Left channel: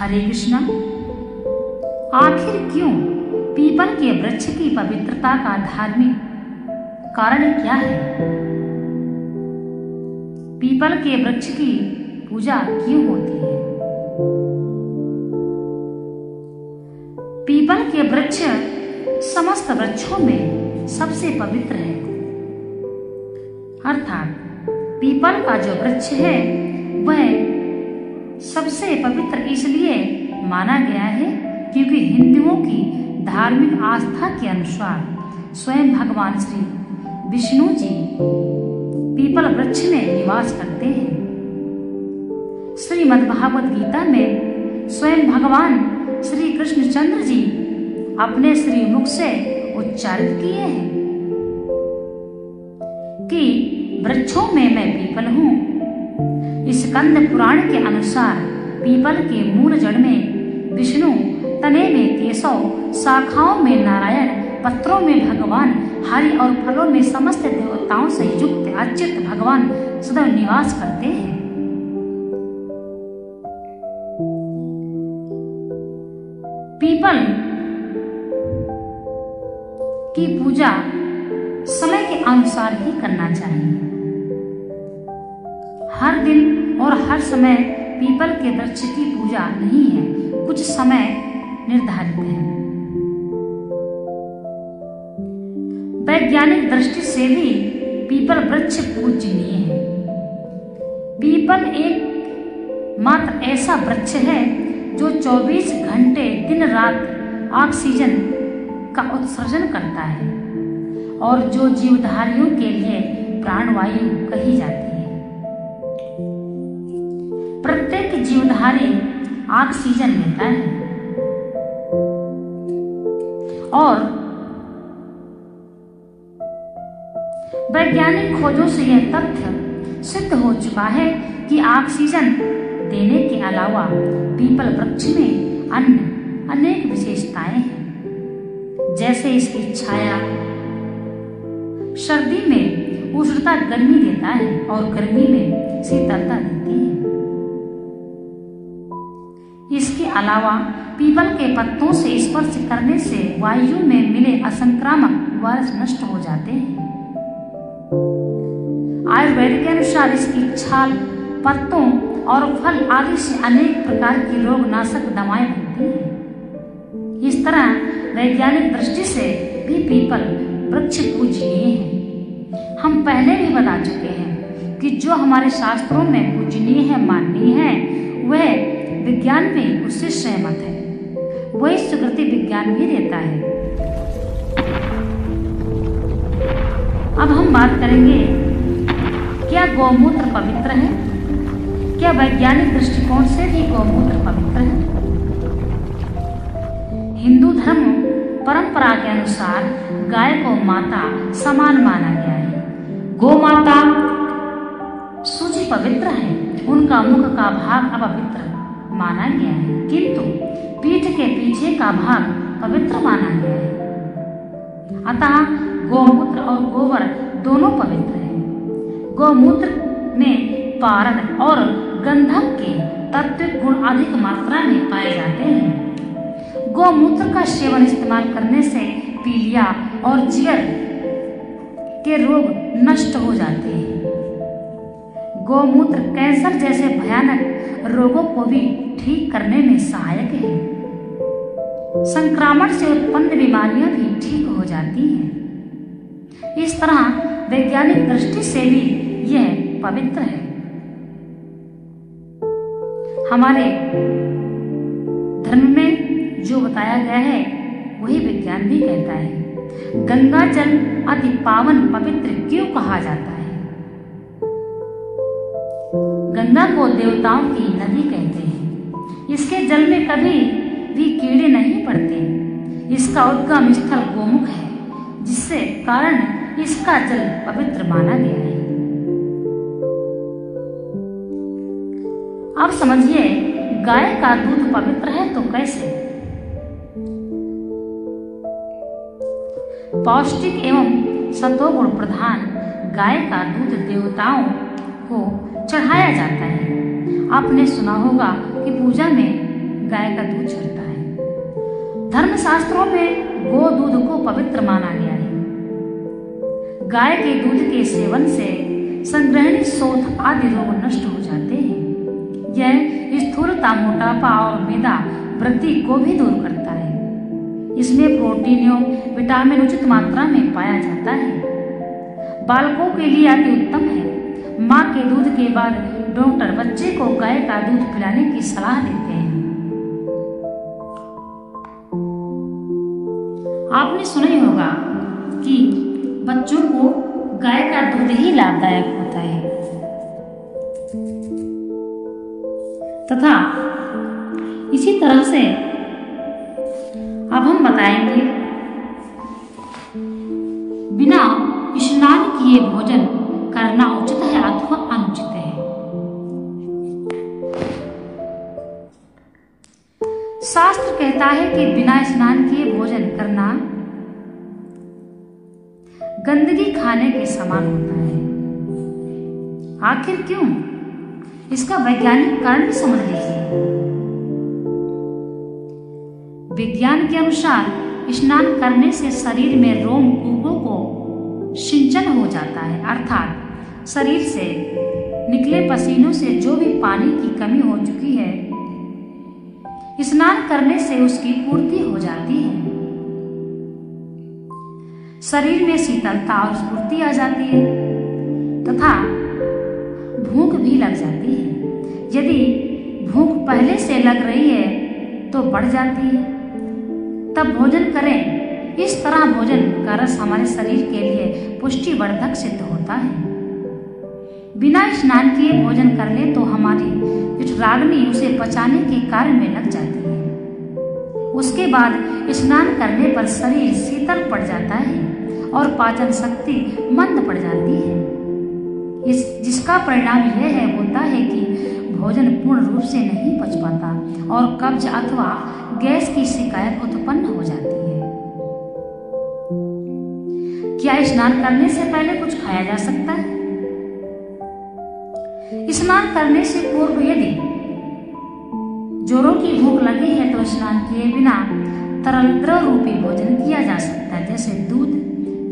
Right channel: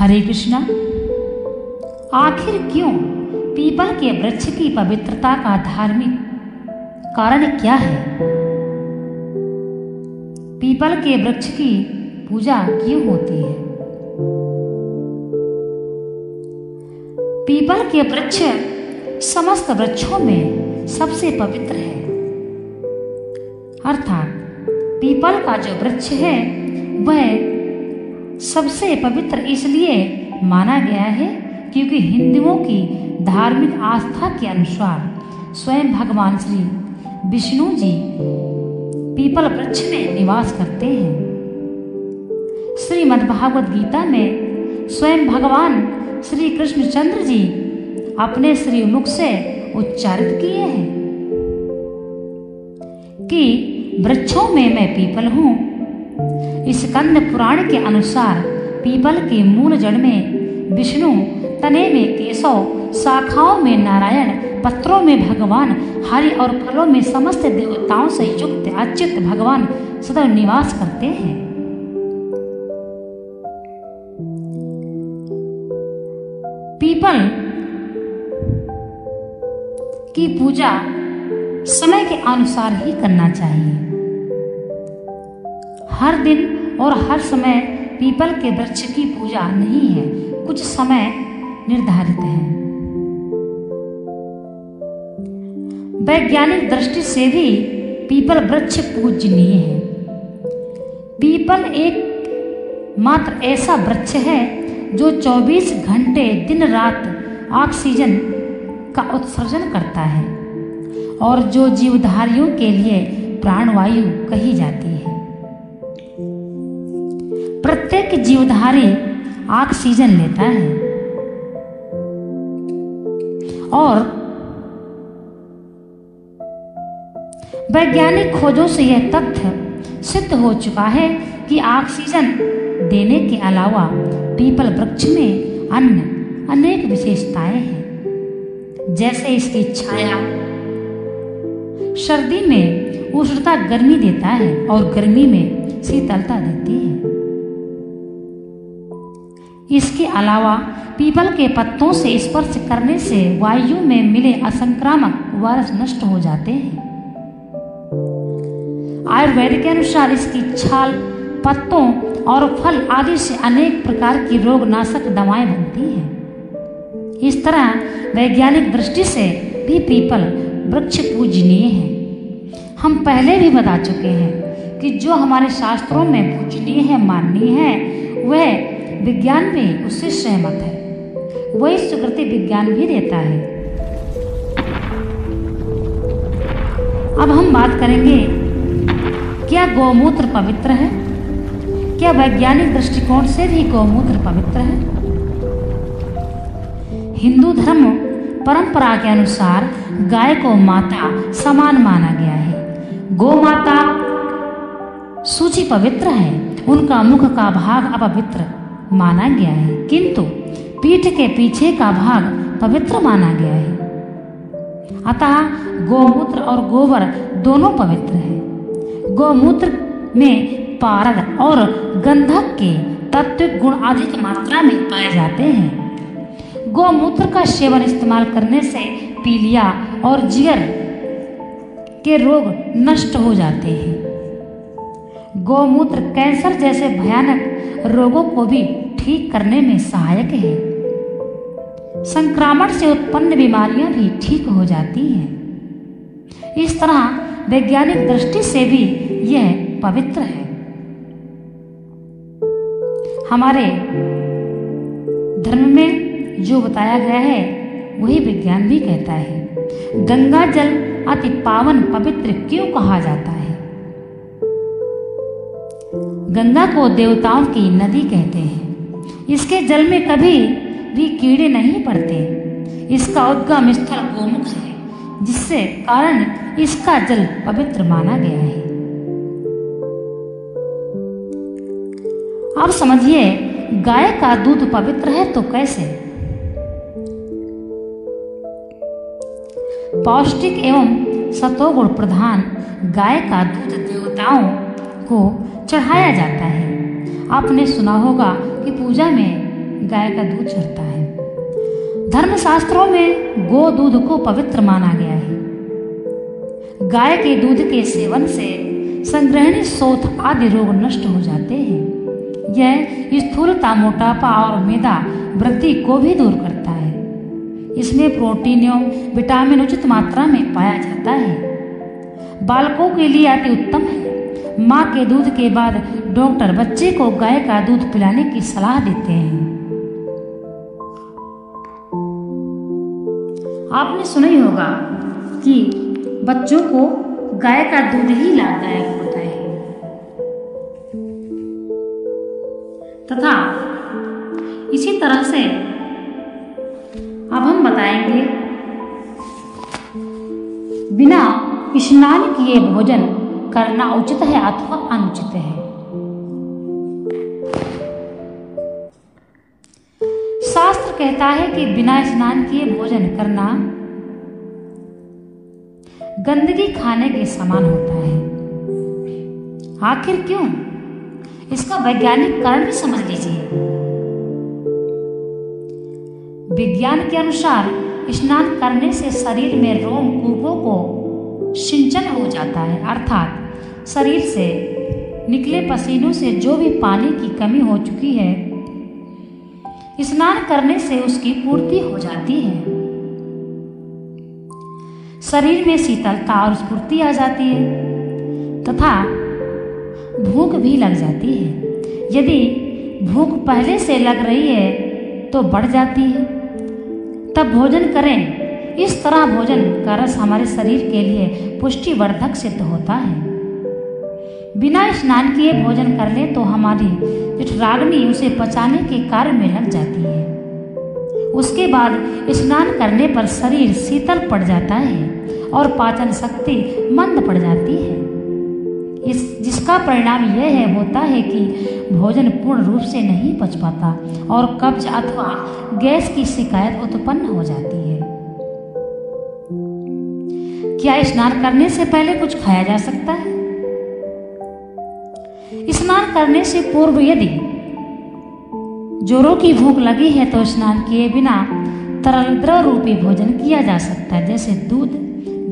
हरे कृष्णा। आखिर क्यों पीपल के वृक्ष की पवित्रता का धार्मिक कारण क्या है? पीपल के वृक्ष की पूजा क्यों होती है? पीपल के वृक्ष समस्त वृक्षों में सबसे पवित्र है। अर्थात पीपल का जो वृक्ष है वह सबसे पवित्र इसलिए माना गया है क्योंकि हिंदुओं की धार्मिक आस्था के अनुसार स्वयं भगवान श्री विष्णु जी पीपल वृक्ष में निवास करते हैं। श्रीमद्भागवत गीता में स्वयं भगवान श्री कृष्णचंद्र जी अपने श्रीमुख से उच्चारित किए हैं कि वृक्षों में मैं पीपल हूँ। स्कंद पुराण के अनुसार पीपल के मूल जड़ में विष्णु, तने में केशव, शाखाओं में नारायण, पत्रों में भगवान हरि और फलों में समस्त देवताओं से युक्त अच्युत भगवान सदैव निवास करते हैं। पीपल की पूजा समय के अनुसार ही करना चाहिए। हर दिन और हर समय पीपल के वृक्ष की पूजा नहीं है, कुछ समय निर्धारित है। वैज्ञानिक दृष्टि से भी पीपल वृक्ष पूजनीय है। पीपल एक मात्र ऐसा वृक्ष है जो 24 घंटे दिन रात ऑक्सीजन का उत्सर्जन करता है और जो जीवधारियों के लिए प्राणवायु कही जाती है। प्रत्येक जीवधारी ऑक्सीजन लेता है और वैज्ञानिक खोजों से यह तथ्य सिद्ध हो चुका है कि ऑक्सीजन देने के अलावा पीपल वृक्ष में अन्य अनेक विशेषताएं हैं, जैसे इसकी छाया सर्दी में उष्णता गर्मी देता है और गर्मी में शीतलता देती है। इसके अलावा पीपल के पत्तों से स्पर्श करने से वायु में मिले असंक्रामक वायरस नष्ट हो जाते हैं। आयुर्वेद के अनुसार इसकी छाल, पत्तों और फल आदि से अनेक प्रकार की रोगनाशक दवाएं बनती हैं। इस तरह वैज्ञानिक दृष्टि से भी पीपल वृक्ष पूजनीय है। हम पहले भी बता चुके हैं कि जो हमारे शास्त्रों में पूजनीय है, माननीय है, वह विज्ञान भी उससे सहमत है। वही स्वीकृति विज्ञान भी देता है। अब हम बात करेंगे, क्या गौमूत्र पवित्र है? क्या वैज्ञानिक दृष्टिकोण से भी गौमूत्र पवित्र है? हिंदू धर्म परंपरा के अनुसार गाय को माता समान माना गया है। गौ माता सूची पवित्र है, उनका मुख का भाग अपवित्र माना गया है, किंतु पीठ के पीछे का भाग पवित्र माना गया है। अतः गौमूत्र और गोबर दोनों पवित्र है। गौमूत्र में पारद और गंधक के तत्व गुण अधिक मात्रा में पाए जाते हैं। गौमूत्र का सेवन इस्तेमाल करने से पीलिया और जिगर के रोग नष्ट हो जाते हैं। गौमूत्र कैंसर जैसे भयानक रोगों को भी ठीक करने में सहायक है। संक्रमण से उत्पन्न बीमारियां भी ठीक हो जाती हैं। इस तरह वैज्ञानिक दृष्टि से भी यह पवित्र है। हमारे धर्म में जो बताया गया है वही विज्ञान भी कहता है। गंगा जल अति पावन पवित्र क्यों कहा जाता है? गंगा को देवताओं की नदी कहते हैं। इसके जल में कभी भी कीड़े नहीं पड़ते। इसका उद्गम स्थल गोमुख है, जिससे कारण इसका जल पवित्र माना गया है। अब समझिए, गाय का दूध पवित्र है तो कैसे? पौष्टिक एवं सत्वगुण प्रधान गाय का दूध देवताओं को चढ़ाया जाता है। आपने सुना होगा कि पूजा में गाय का दूध चढ़ता है। धर्मशास्त्रों में गो दूध को पवित्र माना गया है। गाय के दूध के सेवन से संग्रहणी शोथ आदि रोग नष्ट हो जाते हैं। यह स्थूलता, मोटापा और मेदा वृद्धि को भी दूर करता है। इसमें प्रोटीन एवं विटामिन उचित मात्रा में पाया जाता है। बालकों के लिए अति उत्तम है। माँ के दूध के बाद डॉक्टर बच्चे को गाय का दूध पिलाने की सलाह देते हैं। आपने सुना ही होगा कि बच्चों को गाय का दूध ही लाभदायक होता है तथा इसी तरह से अब हम बताएंगे बिना स्नान किए भोजन करना उचित है अथवा अनुचित है। शास्त्र कहता है कि बिना स्नान किए भोजन करना गंदगी खाने के समान होता है। आखिर क्यों? इसका वैज्ञानिक कारण भी समझ लीजिए। विज्ञान के अनुसार स्नान करने से शरीर में रोम कूपों को सिंचन हो जाता है, अर्थात शरीर से निकले पसीनों से जो भी पानी की कमी हो चुकी है, स्नान करने से उसकी पूर्ति हो जाती है। शरीर में शीतलता और स्फूर्ति आ जाती है तथा भूख भी लग जाती है। यदि भूख पहले से लग रही है तो बढ़ जाती है, तब भोजन करें। इस तरह भोजन का रस हमारे शरीर के लिए पुष्टिवर्धक सिद्ध होता है। बिना स्नान किए भोजन कर ले तो हमारी जठराग्नि उसे पचाने के कार्य में लग जाती है। उसके बाद स्नान करने पर शरीर शीतल पड़ जाता है और पाचन शक्ति मंद पड़ जाती है। जिसका परिणाम यह होता है कि भोजन पूर्ण रूप से नहीं पच पाता और कब्ज अथवा गैस की शिकायत उत्पन्न हो जाती है। क्या स्नान करने से पहले कुछ खाया जा सकता है? स्नान करने से पूर्व यदि जोरों की भूख लगी है तो स्नान किए बिना तरल द्रव रूपी भोजन किया जा सकता है, जैसे दूध,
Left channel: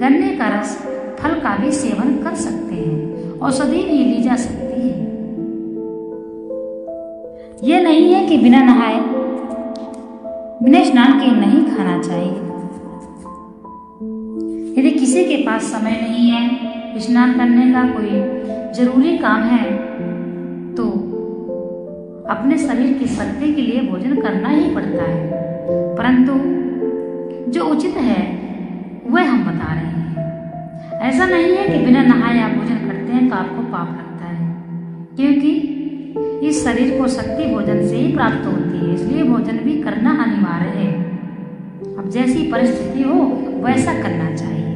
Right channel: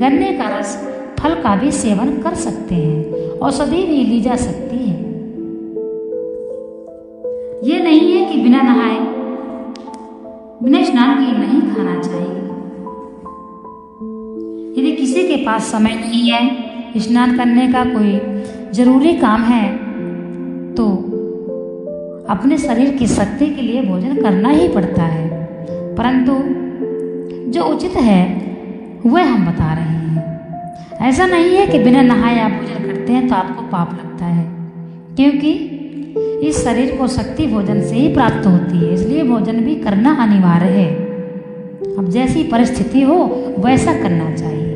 गन्ने का रस, फल का भी सेवन कर सकते हैं। औषधि भी ली जा सकती है। यह नहीं है कि बिना नहाए, बिना स्नान किए नहीं खाना चाहिए। यदि किसी के पास समय नहीं है, स्नान करने का कोई जरूरी काम है, तो अपने शरीर की शक्ति के लिए भोजन करना ही पड़ता है। परंतु जो उचित है वह हम बता रहे हैं। ऐसा नहीं है कि बिना नहाए आप भोजन करते हैं तो आपको पाप लगता है, क्योंकि इस शरीर को शक्ति भोजन से ही प्राप्त होती है, इसलिए भोजन भी करना अनिवार्य है। अब जैसी परिस्थिति हो वैसा करना चाहिए।